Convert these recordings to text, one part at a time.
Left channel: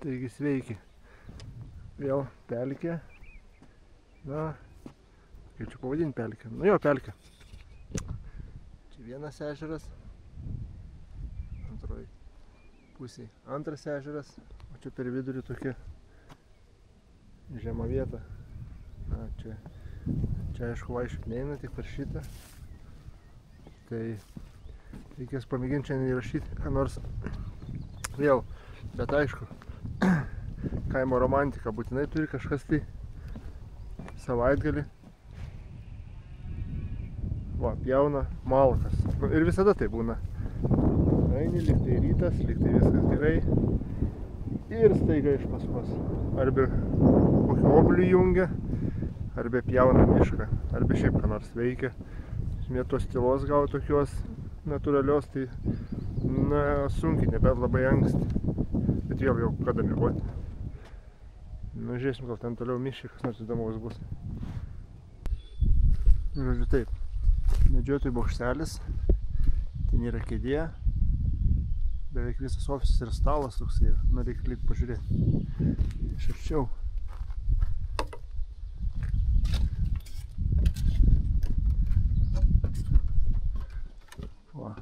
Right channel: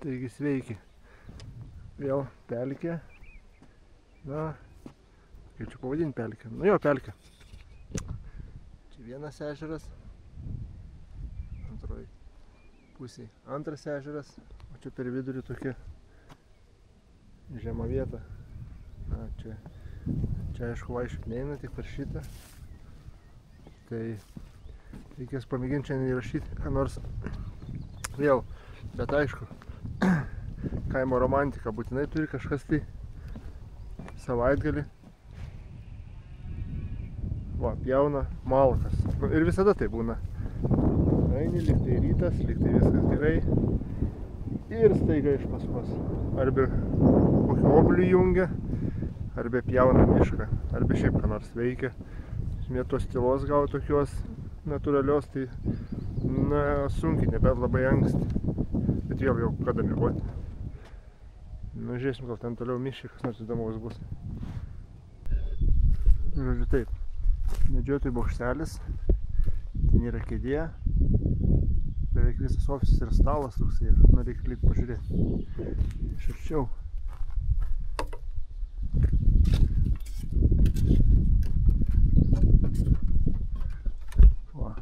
Taigi sveiki. Vėl pelkė. Na, kaip čia pavadinti pelkę? Nu jo, pelkė. Čia vienas ežeras. Antroji pusėje antras ežeras. O čia per vidurį tokia žema vieta. Na, čia aišku vaikščiot neina, tik per šitą. Tai reikės pamėginti šiandien įrašyti, ką nors vėl. Bet aišku, kaimo romantika būtinai turi kažkas tai savaitgalį. Va, pjauna malkas. Ir visada tai būna. Eini, lyg tai rytas, lyg tai viskas gerai. Ir staiga iš paskos. Arba kokį oblių jungia, arba pjauna mišką, arba šiaip ką nors veikia. Tos tylos gavo tokios natūralios, tai na, sunkiai, nebent labai anksti. Bet vėl jau kada miegoti. Nu, žiūrėsim, gal ten toliau miškai, kas nors įdomaus bus. Žodžiu taip, medžiotojų bokštelis, ten yra kėdė, beveik visas ofisas ir stalas toksai, nu reikia lyg pažiūrėti. Iš arčiau. Va.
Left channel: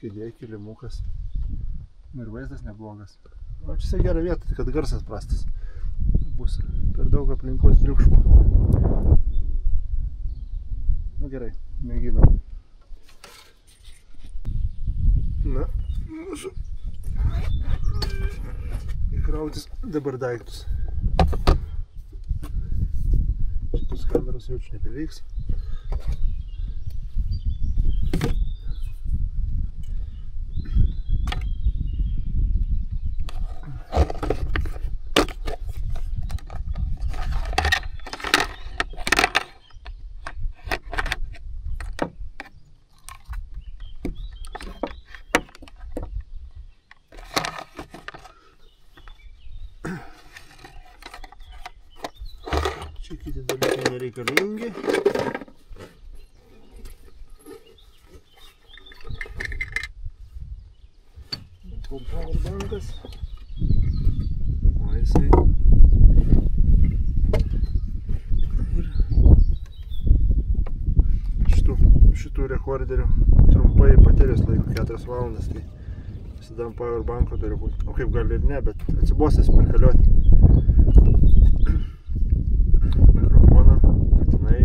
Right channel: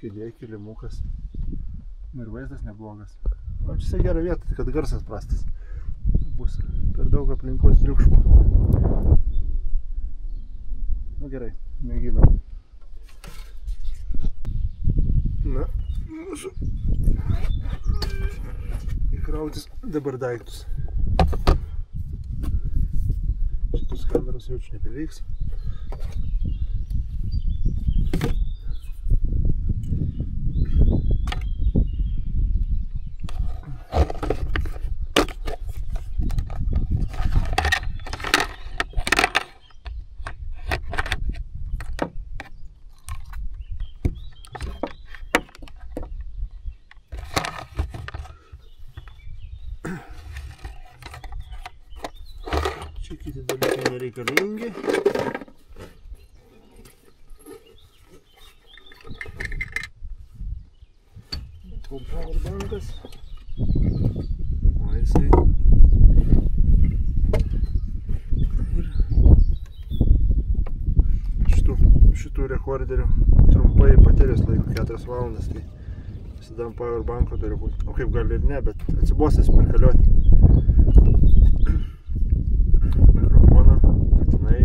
Kėdė, kilimukas. Ir vaizdas neblogas. O čia gera vieta, kad garsas prastas. Bus per daug aplinkos triukšmo. Nu gerai, mėginam. Na, mūsų įkrautis dabar daiktus. Šitus kameros jau čia nebeveiks. Čia kiti dalykai nereikalingi. Powerbankas. O jisai. Ir šitų rekorderių trumpai baterijos laiko 4 valandas, tai visada ant powerbanko turi būti. O kaip gali ir ne, bet atsibosęs perkalioti. Mikrofoną, patinai.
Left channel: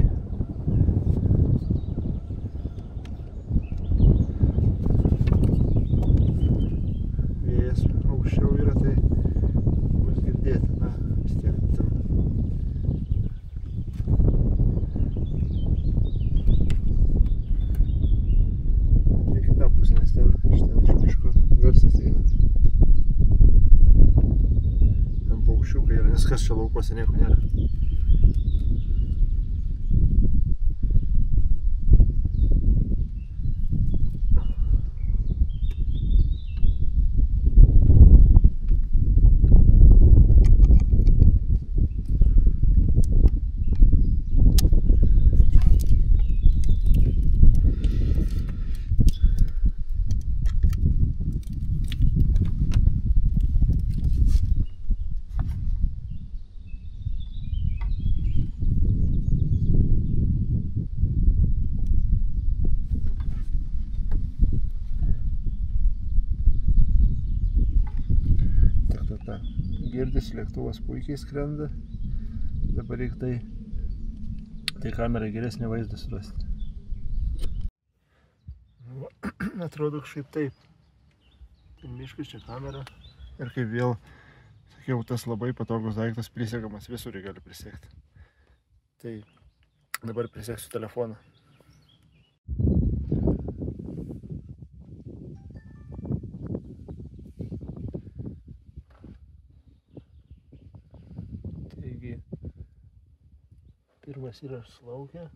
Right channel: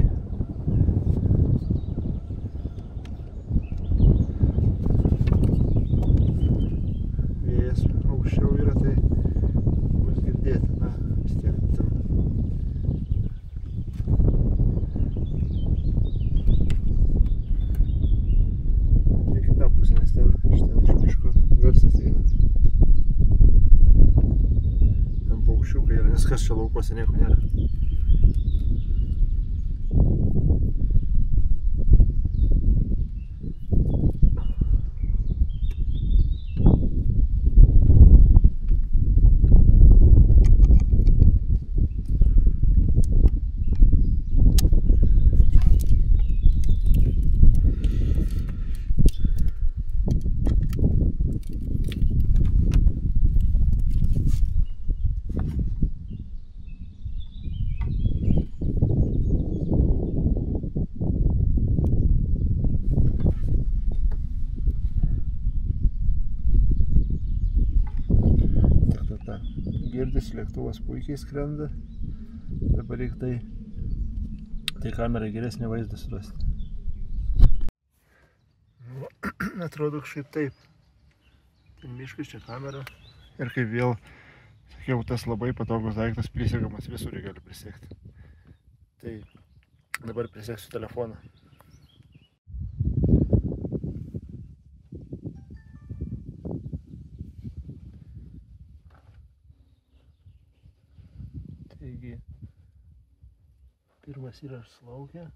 Vėjas aukščiau yra, tai bus girdėti, na, vis tiek ten. Ne kita pusė, nes ten iš miško garsas eina. Ten paukščiukai yra, nes kas čia laukuose nieko nėra. Girdisi, lėktuvas puikiai skrenda. Dabar reikia tai kamerai geresnį vaizdą surasti. Atrodo kažkaip taip. Ten miškas, čia kamera. Ir kaip vėl, sakiau, tas labai patogus daiktas prisegamas, visur gali prisekti. Tai dabar priseksiu telefoną. Taigi, pirmas yra išslaukę.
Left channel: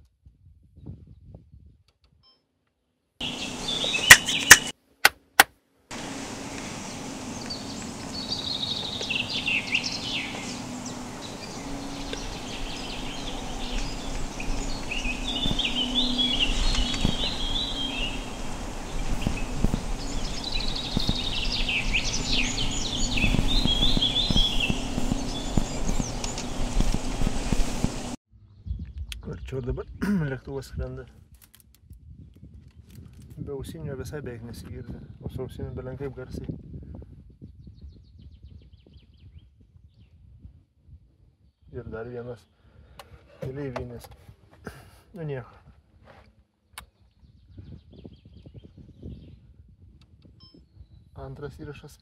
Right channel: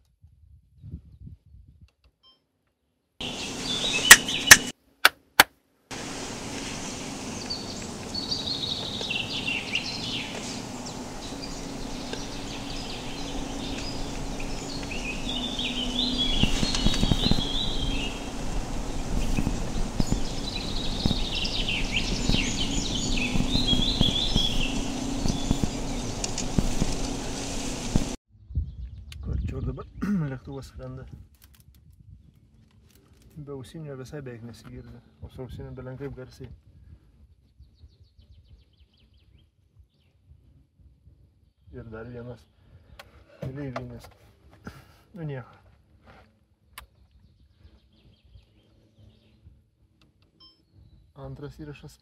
lėktuvas skrenda. Be ausinio visai beveik nesigirdi, o su ausiniu belenkaip garsiai. Ir dar vienas keleivinis. Nu nieko. Antras įrašas.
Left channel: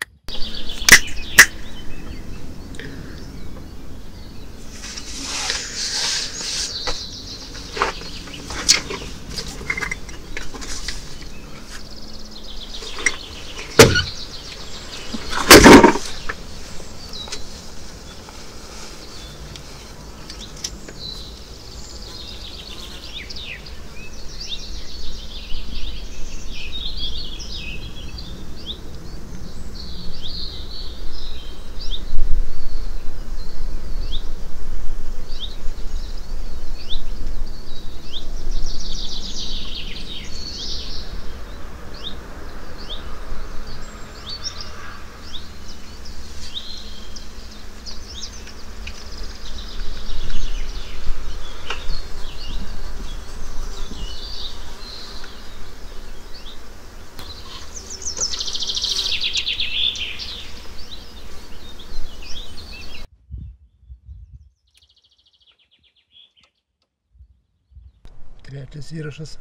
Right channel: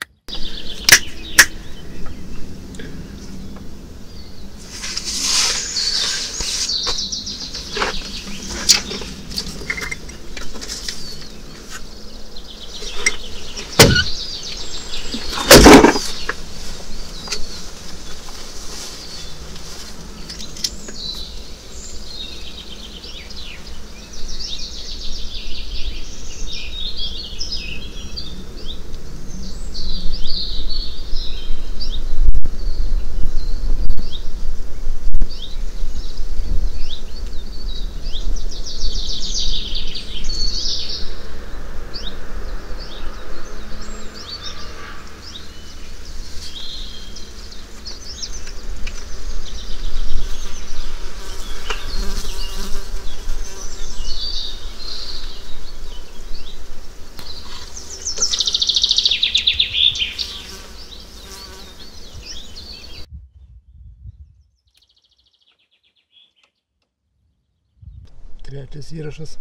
Trečias įrašas.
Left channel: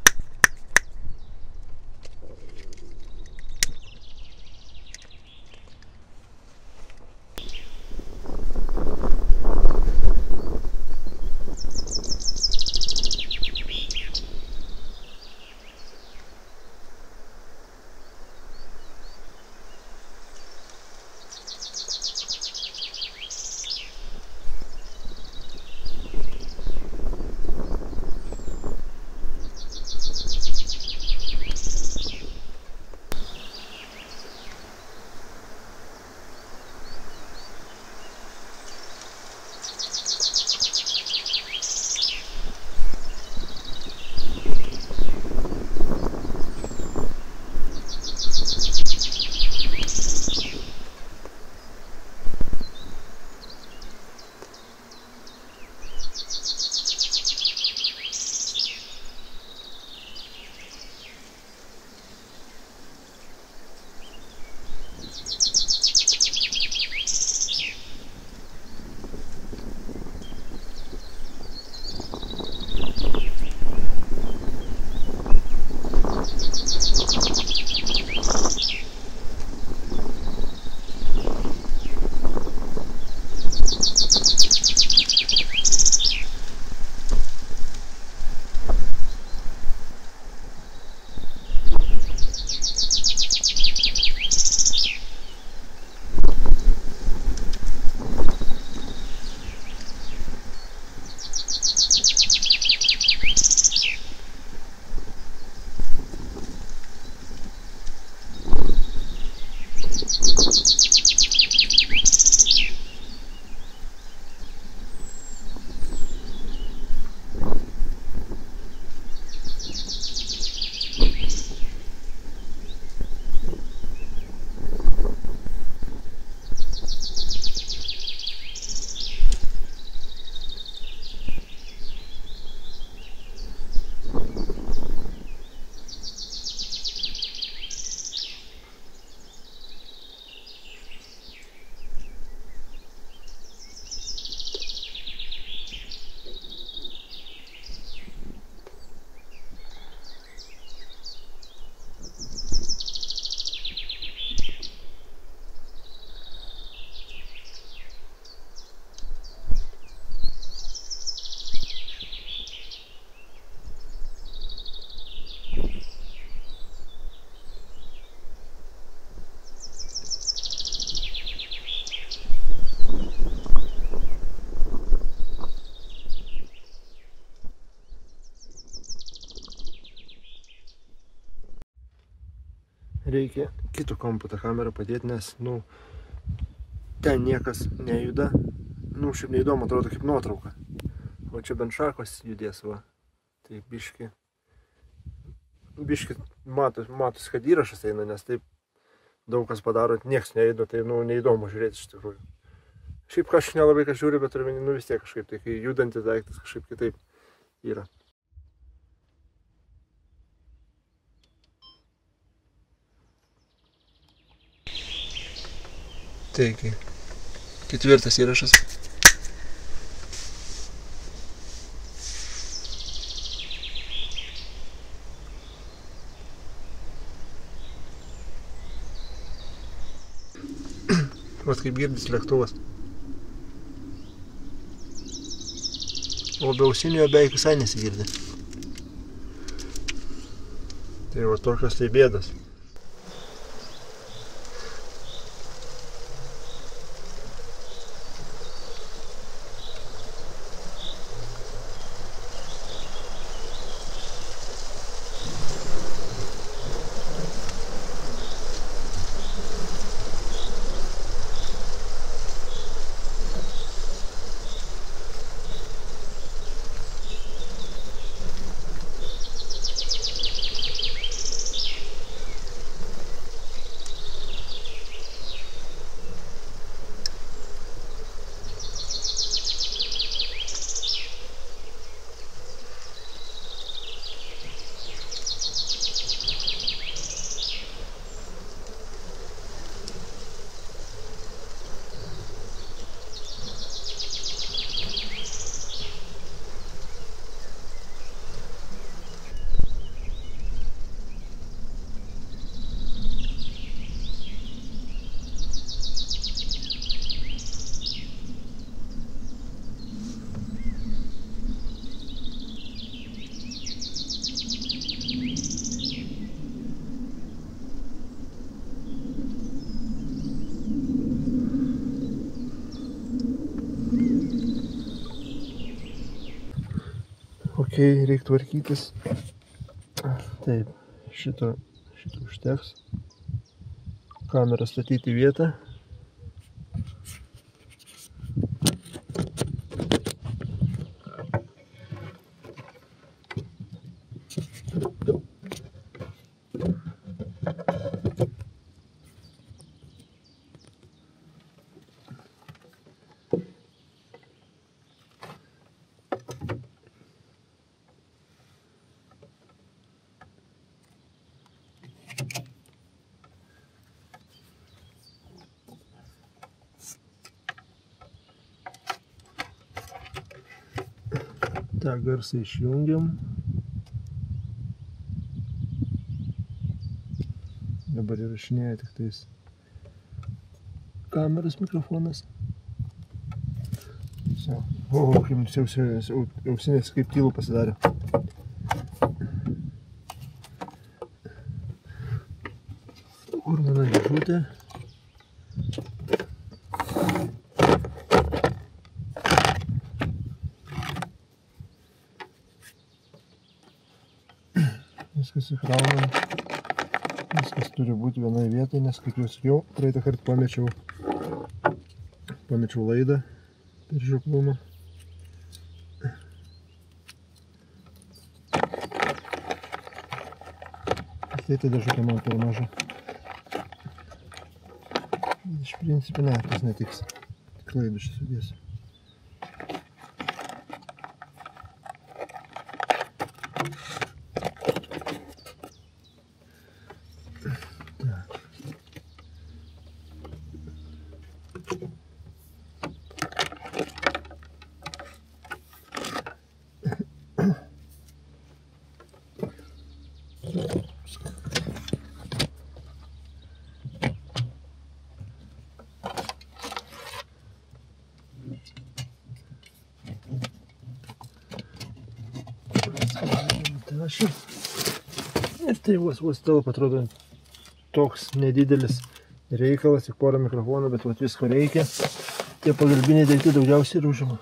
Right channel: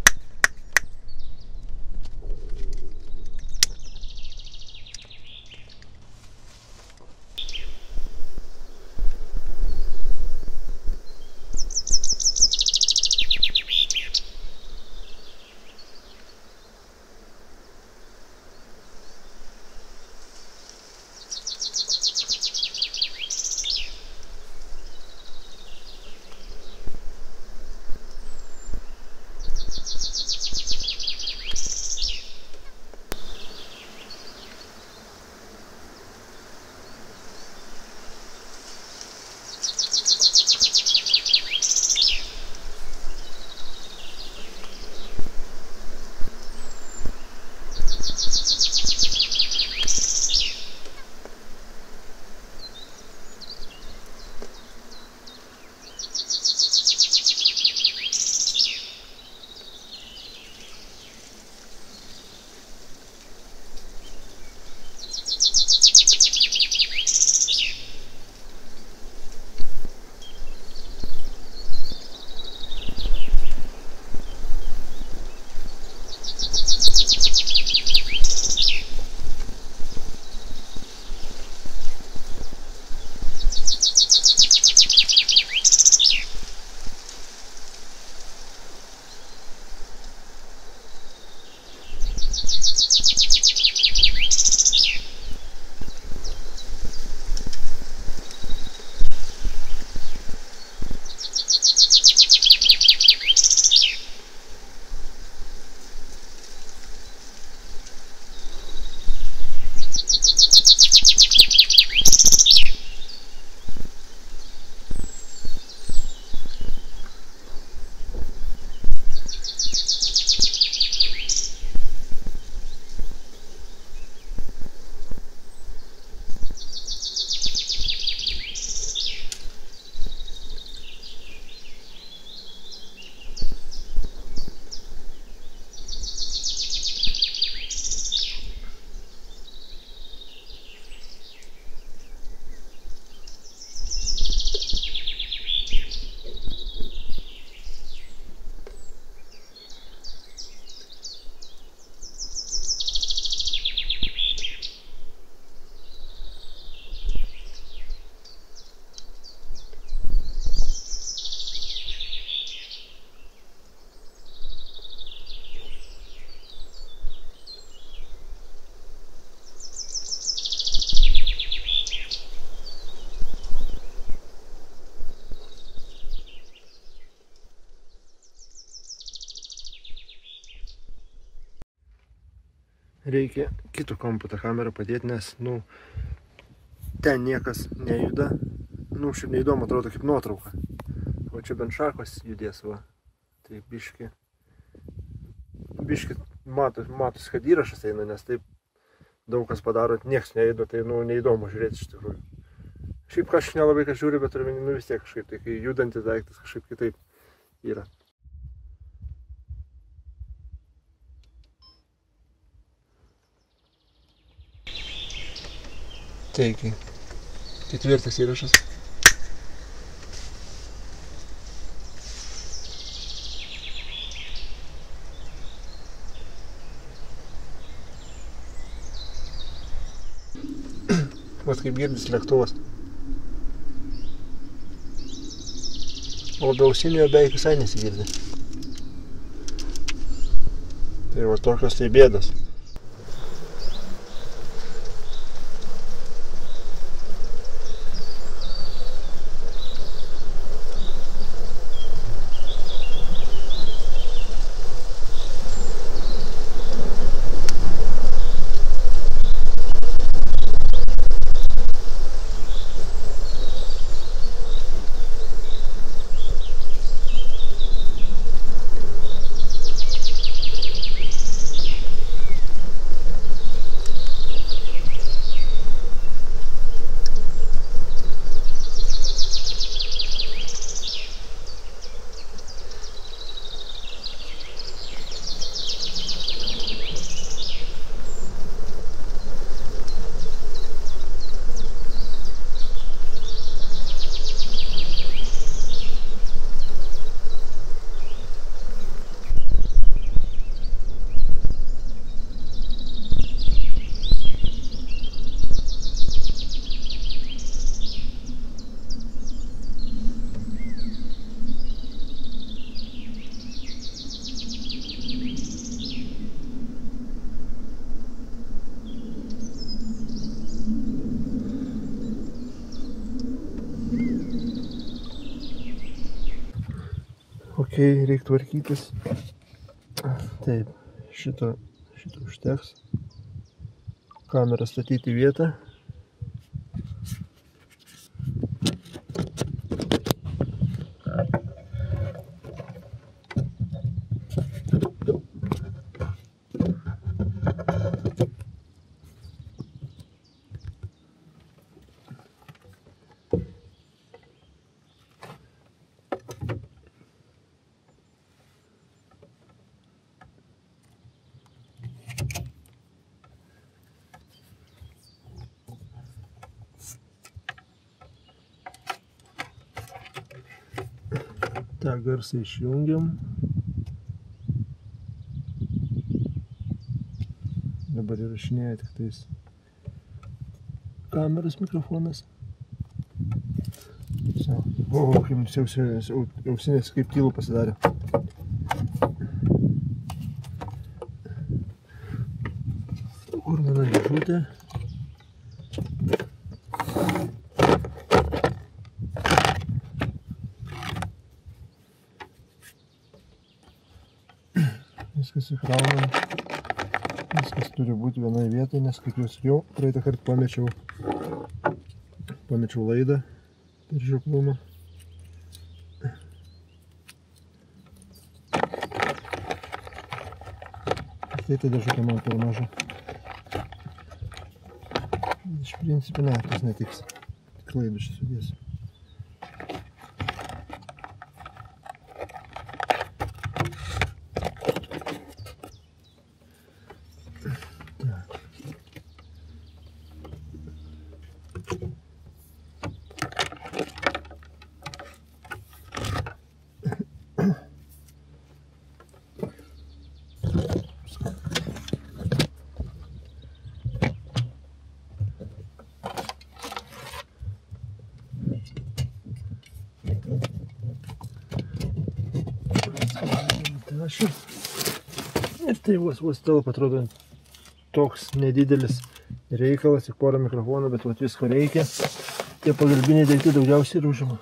Reikia kitų kampų tą kamerą padėti, nes, ten niekas nejuda. Šiaip neįdomu, atrodo kaip nuotrauka. O čia bent šakos judės, va. Tai biški matos, kad įrašas eina, nes taip daug kas padaro, nieks nejuda, tai, neįdomu žiūrėti iš tikrųjų. Šiaip kažkaip nelabai kas žiūri, bet vis tiek kažkaip, tai kai judantis daiktas kažkaip kitaip yra. Taigi, 4. įrašas. Vat kaip girdis lėktuvas. O be ausinio beveik visai nesigirdi. Tai va tokios tai bėdos. Ok, reikia tvarkytis. Taip, šito užteks. Kamerą statyti vietą. tą garsą išjungiam. Dabar įrašinėja tik tais kameros mikrofonas. O, kaip mums ausinės kaip tylu pasidarė. Kur mano dėžutė? Viskas įkraunam. Viskas turi būti vienoje vietoje, nes kaip jau sakiau, praeitą kartą pamečiau laidą per žioplumą. Tai ta dėžutė man per maža. Iš principo ne, tas netiks. Tik laidų čia sudėsiu. Ir tai vos telpa, atrodo, toks nedidelis reikalas, tik porą mikrofonų, bet visko reikia. Tie pagalbiniai daiktai daugiausiai ir užima.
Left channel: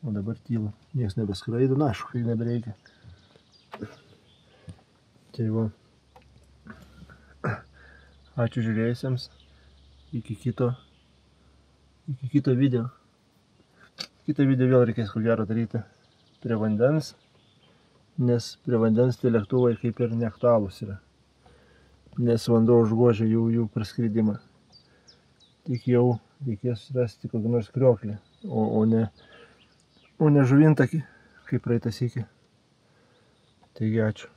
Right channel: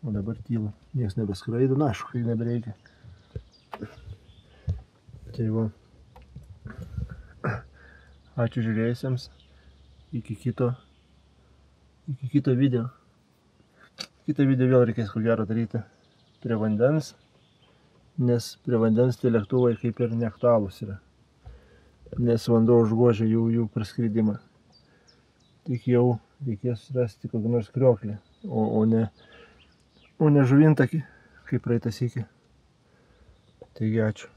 O dabar tyla, nieks nebeskraido, na aišku, kai nebereikia. Tai va, ačiū žiūrėjusiems, iki kito video. Kitą video vėl reikės ko gero daryti prie vandens, nes prie vandens tie lėktuvai kaip ir neaktualūs yra, nes vanduo užgožia jų praskridimą. Tik jau reikės rasti kokį nors krioklį, o ne žuvintakį, kaip praeitą sykį. Taigi ačiū.